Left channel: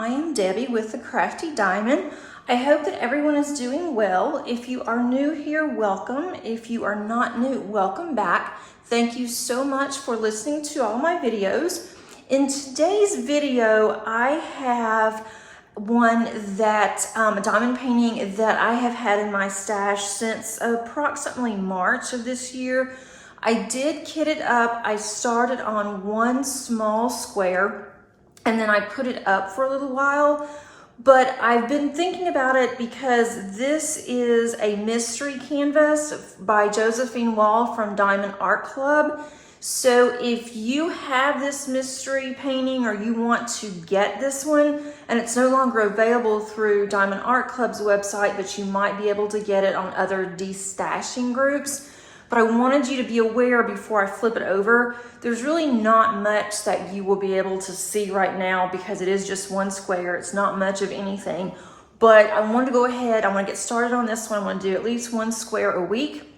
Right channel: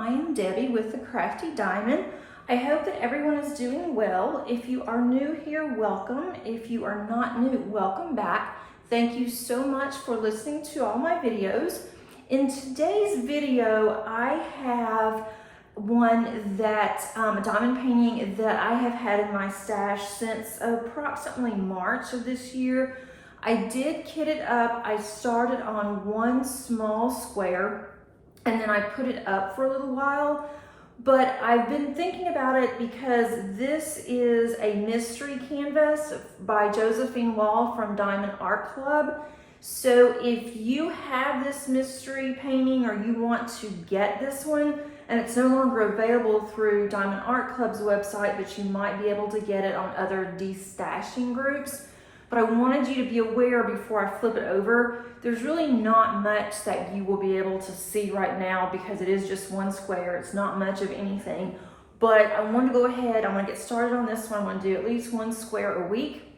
I am Debbie with the Crafty Diamond. I hope that everyone is doing well. If you are new here, welcome. If you are not new, welcome back. Thank you so much for listening to all my videos. In today's video, I have one that, a diamond painting that I have had in my stash since approximately March of this year. I did kit it up. I started on one small square and then I put it up for a little while, but I've been thinking about it because this is a mystery canvas by Josephine Wall from Diamond Art Club. So if you have this mystery painting or you want to get this one and it's no longer available through Diamond Art Club's website, but you might be able to get it on other destashing groups. But I wanted you to be aware before I flip it over, there's really not much that you will be able to see right now because it is just one square. It's not much of anything, but I wanted to go ahead. I want to get started on this one. I want to do at least one square a week.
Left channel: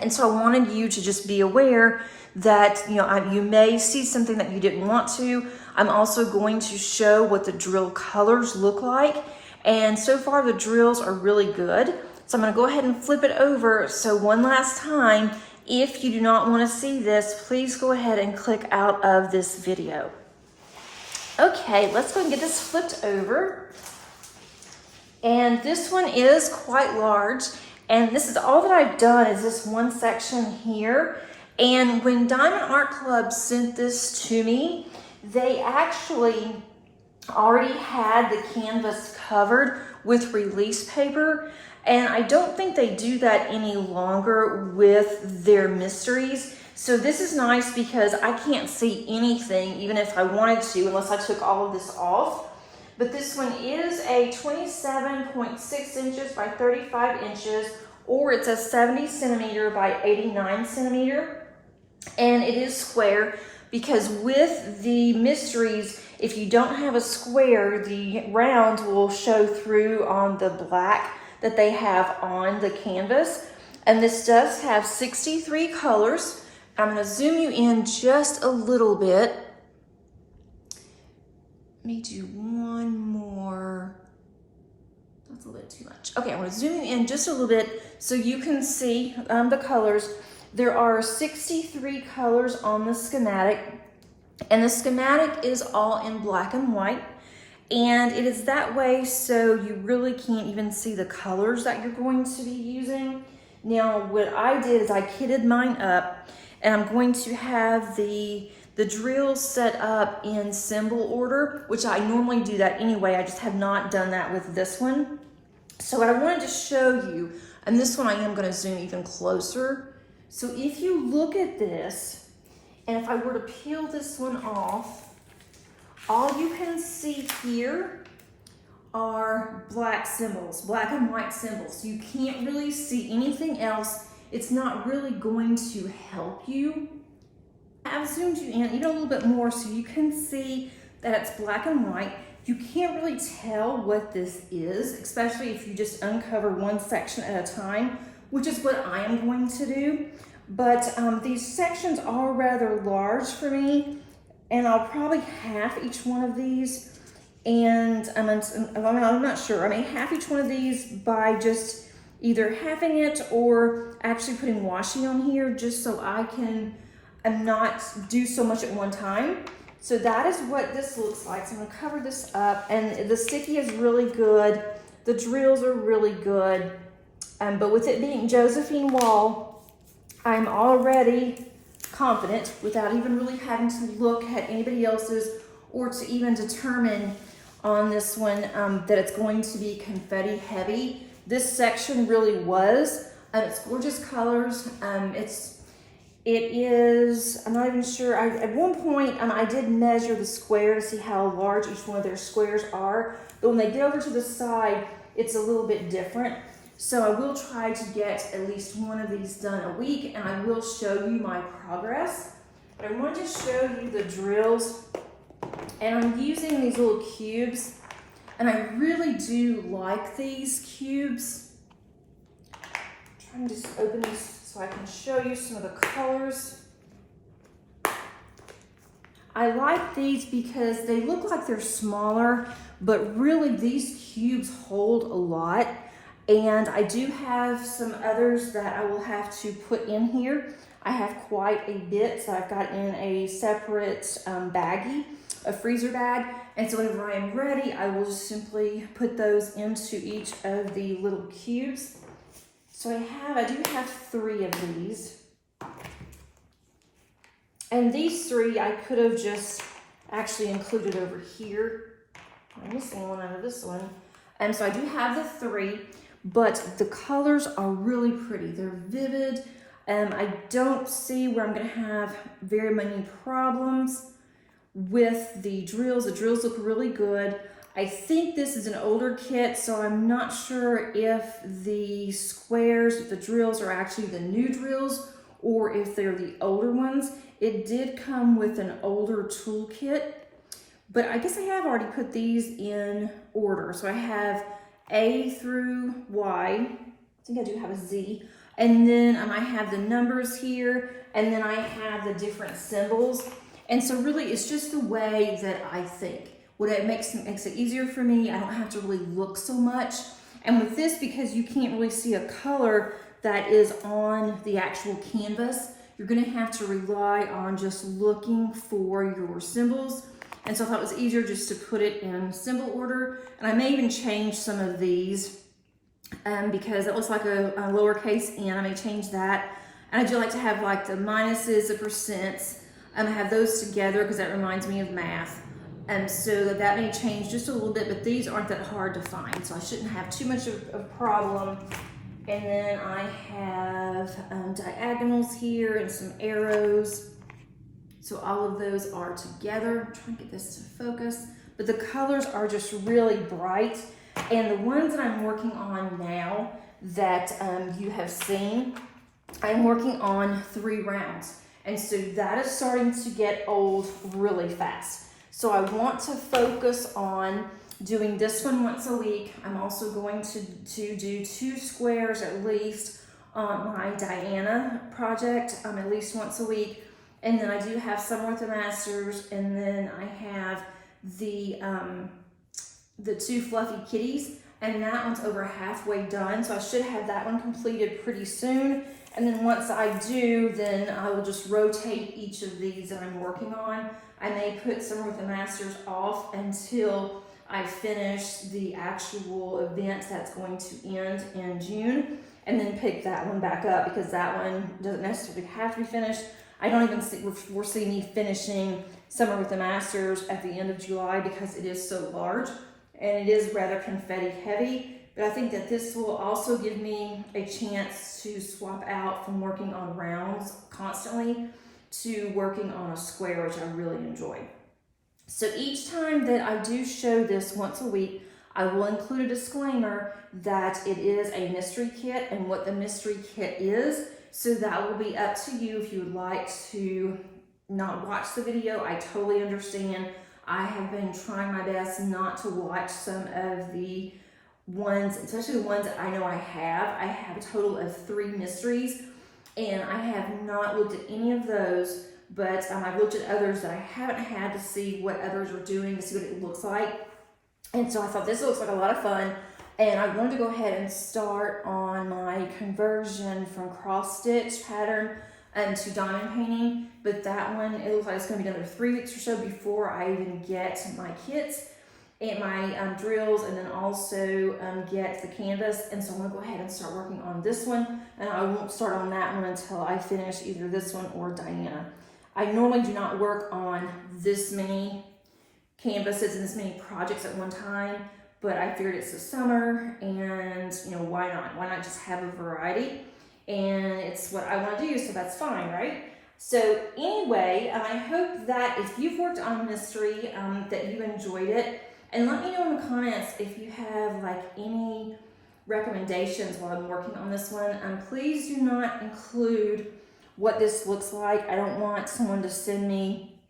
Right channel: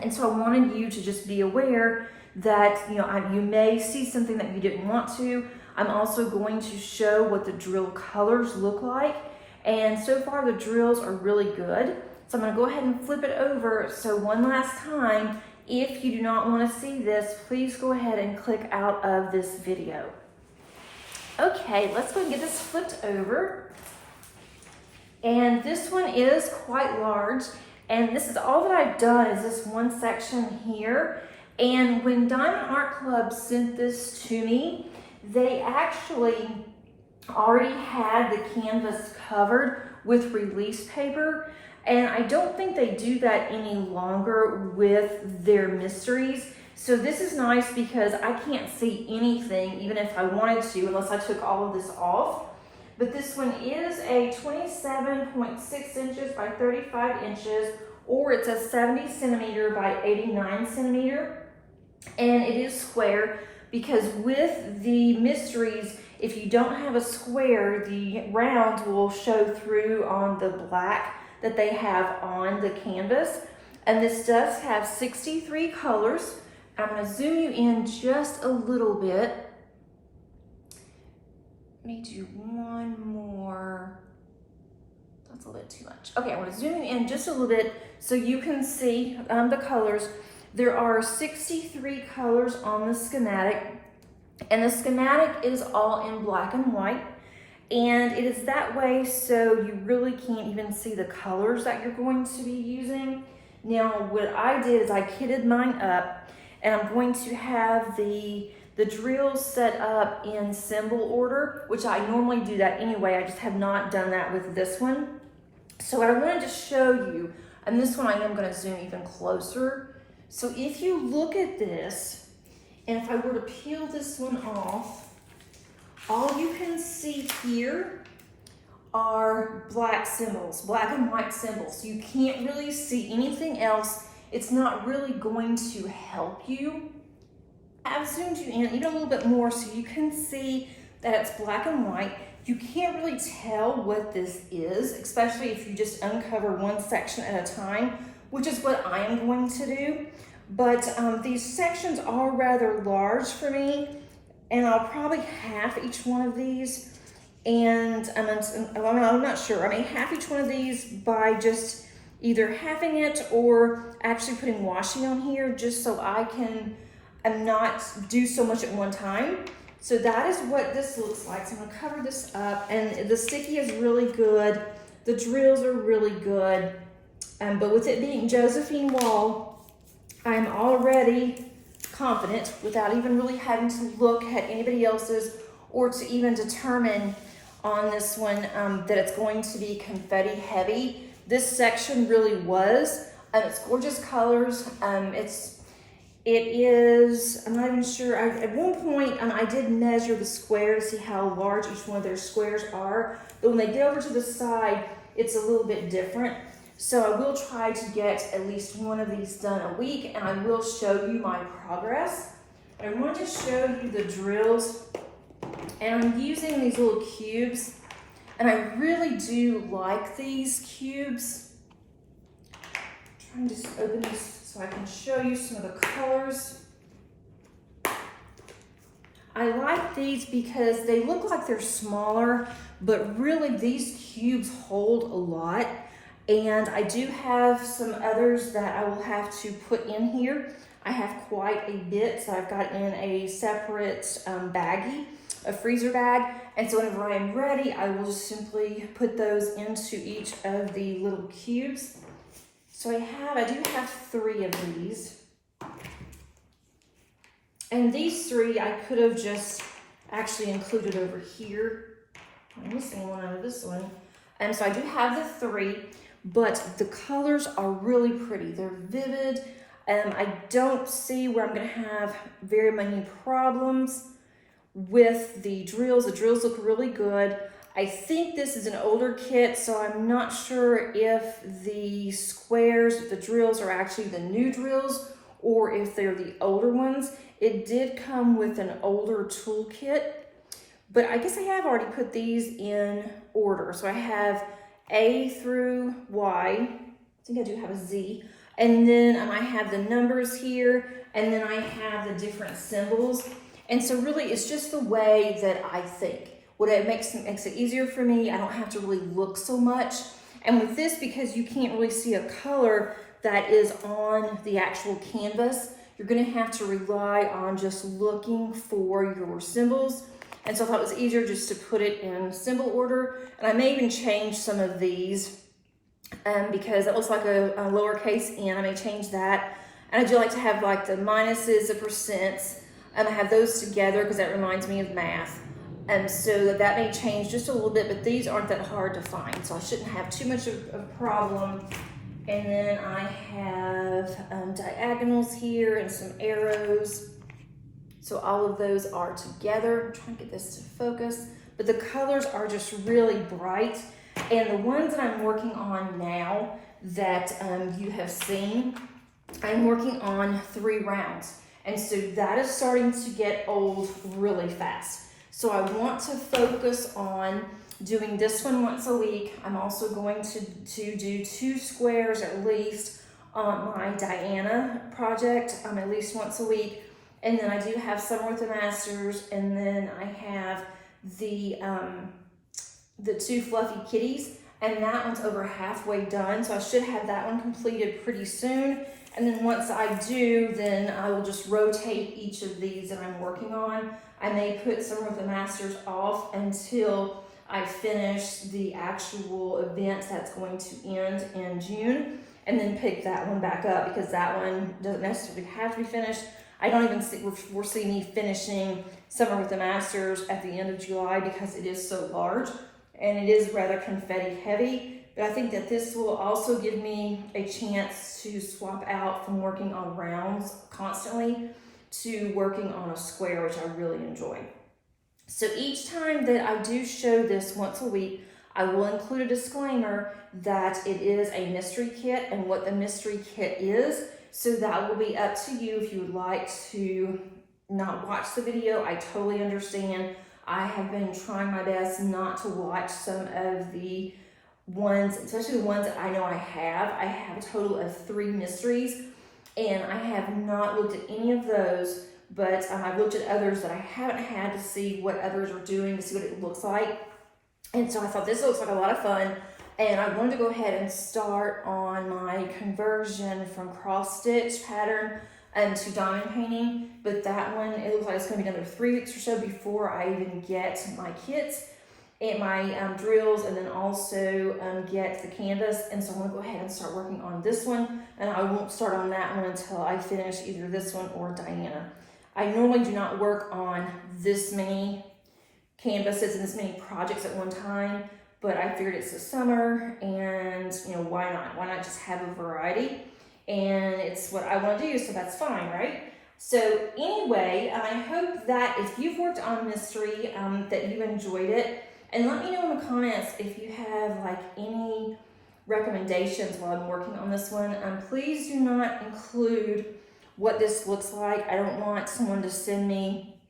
And so I wanted you to just be aware that, you may see something that you didn't want to. I'm also going to show what the drill colors look like. And so far the drills are really good. So I'm gonna go ahead and flip it over. So one last time, if you do not wanna see this, please go ahead and click out of this video. Okay, let's go and get this flipped over. And this one is quite large. And this is all that I've done is this one section here. And when Diamond Art Club sent this to me, they actually already had the canvas covered with release paper. And I don't think they do that any longer with their mysteries. So this is nice because I can't see anything, even if I wanted to, unless I took all of this off. But this one is a 27.6 inches by 35 inches, or it's a 70 centimeter by 89 centimeter. And it is square because with the mysteries, if you don't have a square, the round will show through on the black that they have on the canvas. And this does have 63 colors. I'm gonna zoom you in just a little bit. Let me do one more. That's a little too much. Okay, I'm gonna zoom you in just a little bit so you can see the colors. There are 63 colors on the schematic, and the schematic is all in black and white. And it is that way so you really can't even see the colors that you're going to be using. Now, what I did is I kitted mine up, and I'm going to have the drills set up in symbol order, which I normally do that anyway. I just have not done that with this one. So what I wanted to show you, and this one I am going to zoom even closer. So if you look at this, and if I were to peel this one off, all you can see here are black symbols, black and white symbols. You can't really see anything else. It's not really going to help you. I've zoomed you in even a little bit more so you can see that it's black and white. You can't really tell what this is, especially if you just uncover one section at a time, which is what I am going to do. But these sections are rather large for me, and I'll probably half each one of these. And I'm not sure. I may half each one of these by just either halving it or actually putting washi on here just so I can not do so much at one time. So that is what this looks like. So I'm gonna cover this up, and the sticky is really good. The drills are really good. But with it being Josephine Wall, I'm already confident without even really having to look at anybody else's or to even determine on this one that it's going to be confetti heavy. This section really was. It's gorgeous colors. It is, I'm not even sure. At one point, I did measure the square to see how large each one of their squares are. But when they get over to the side, it's a little bit different. So I will try to get at least one of these done a week, and I will show you my progress. But I wanted to show you the drills, and I'm using these little cubes, and I really do like these cubes. I'm trying to just open these so I can show you some of the colors. I like these because they look like they're smaller, but really these cubes hold a lot. And I do have some others that I will have to put in here. I have quite a bit, so I've got in a separate baggie, a freezer bag. And so whenever I am ready, I will just simply put those into each of the little cubes. So I do have 3 of these. And these 3 I could have just actually included over here. I'm missing one out of this one. And so I do have the 3, but the colors are really pretty. They're vivid. I don't see where I'm gonna have very many problems with the drills. The drills look really good. I think this is an older kit, so I'm not sure if the squares, if the drills are actually the new drills or if they're the older ones. It did come with an older toolkit, but I guess I have already put these in order. So I have A through Y. I think I do have a Z. And then I have the numbers here, and then I have the different symbols. And so really it's just the way that I think. What it makes it easier for me. I don't have to really look so much. And with this, because you can't really see a color that is on the actual canvas, you're gonna have to rely on just looking for your symbols. And so I thought it was easier just to put it in symbol order. And I may even change some of these because it looks like a lowercase n. I may change that. And I do like to have like the minuses, the percents, and I have those together because that reminds me of math. And so that may change just a little bit, but these aren't that hard to find, so I shouldn't have too much of a problem. And then I have diagonals here and some arrows. So all of those are together. I'm trying to get this to focus, but the colors are just really bright. And the ones that I'm working on now that you have seen, I'm working on 3 rounds. And so that is starting to get old really fast. So I want to focus on doing this one once a week. I'm also going to do 2 squares at least on my Diana project at least once a week. And then I do have Summer with the Masters, and then I have the 2 fluffy kitties, and that one's over halfway done. So I should have that one completed pretty soon. And then once I do, then I will just rotate each of these that I'm working on. I may put Summer with the Masters off until I finish the actual event that's going to end in June, and then pick that one back up because that one doesn't necessarily have to be finished. I don't even foresee me finishing Summer with the Masters at the end of July because it is so large and it is rather confetti heavy. But I think that this will also give me a chance to swap out from working on rounds constantly to working on a square, which I really enjoy. So each time that I do show this once a week, I will include a disclaimer that it is a mystery kit and what the mystery kit is. So that will be up to you if you would like to not watch the video. I totally understand. I have been trying my best not to watch some of the ones, especially the ones that I know I have. I have a total of 3 mysteries, and I have not looked at any of those, but I've looked at others that I haven't had to see what others are doing, to see what it looks like. And so I thought this looks like a lot of fun, and I wanted to go ahead and start on my conversion from cross stitch pattern to diamond painting. But that one, it looks like it's going to be another 3 weeks or so before I even get my kits and my drills, and then also get the canvas. And so I'm gonna go ahead and start working on this one, and I won't start on that one until I finish either this one or Diana. I normally do not work on this many canvases and this many projects at one time, but I figured it's the summer, and you know, why not? Why not just have a variety? And it's what I want to do, so that's fine, right? So anyway, I hope that if you've worked on mystery, that you enjoyed it. And let me know in the comments if you have like any recommendations while I'm working on this one. Please do not include what this looks like. I don't want someone to send me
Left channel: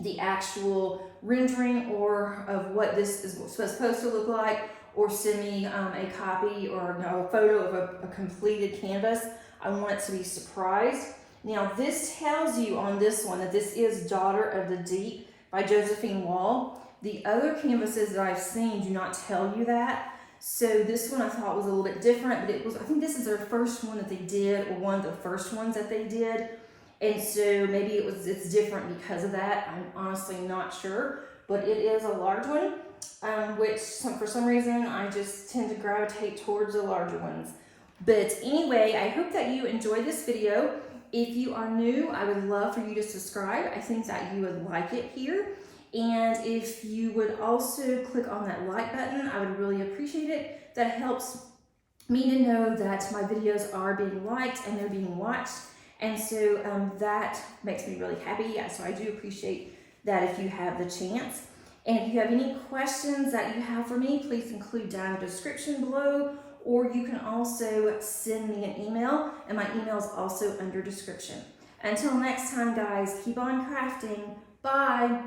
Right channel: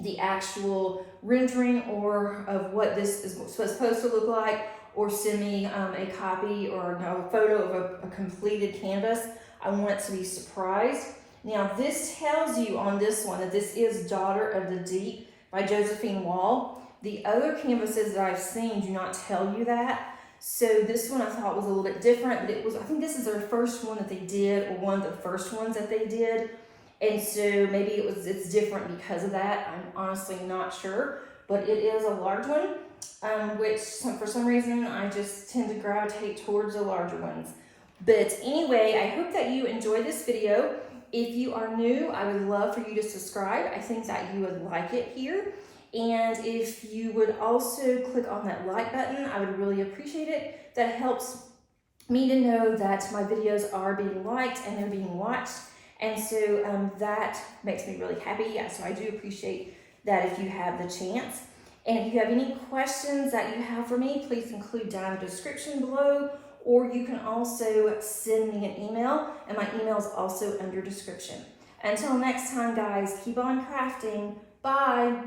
the actual rendering or of what this is supposed to look like, or send me a copy or a photo of a completed canvas. I want it to be surprised. Now this tells you on this one that this is Daughter of the Deep by Josephine Wall. The other canvases that I've seen do not tell you that. So this one I thought was a little bit different, but I think this is their first one that they did, or one of the first ones that they did. And so maybe it's different because of that. I'm honestly not sure, but it is a large one, which for some reason I just tend to gravitate towards the larger ones. But anyway, I hope that you enjoyed this video. If you are new, I would love for you to subscribe. I think that you would like it here. And if you would also click on that like button, I would really appreciate it. That helps me to know that my videos are being liked and they're being watched. And so that makes me really happy. So I do appreciate that if you have the chance. And if you have any questions that you have for me, please include down in the description below, or you can also send me an email, and my email is also under description. Until next time, guys, keep on crafting. Bye.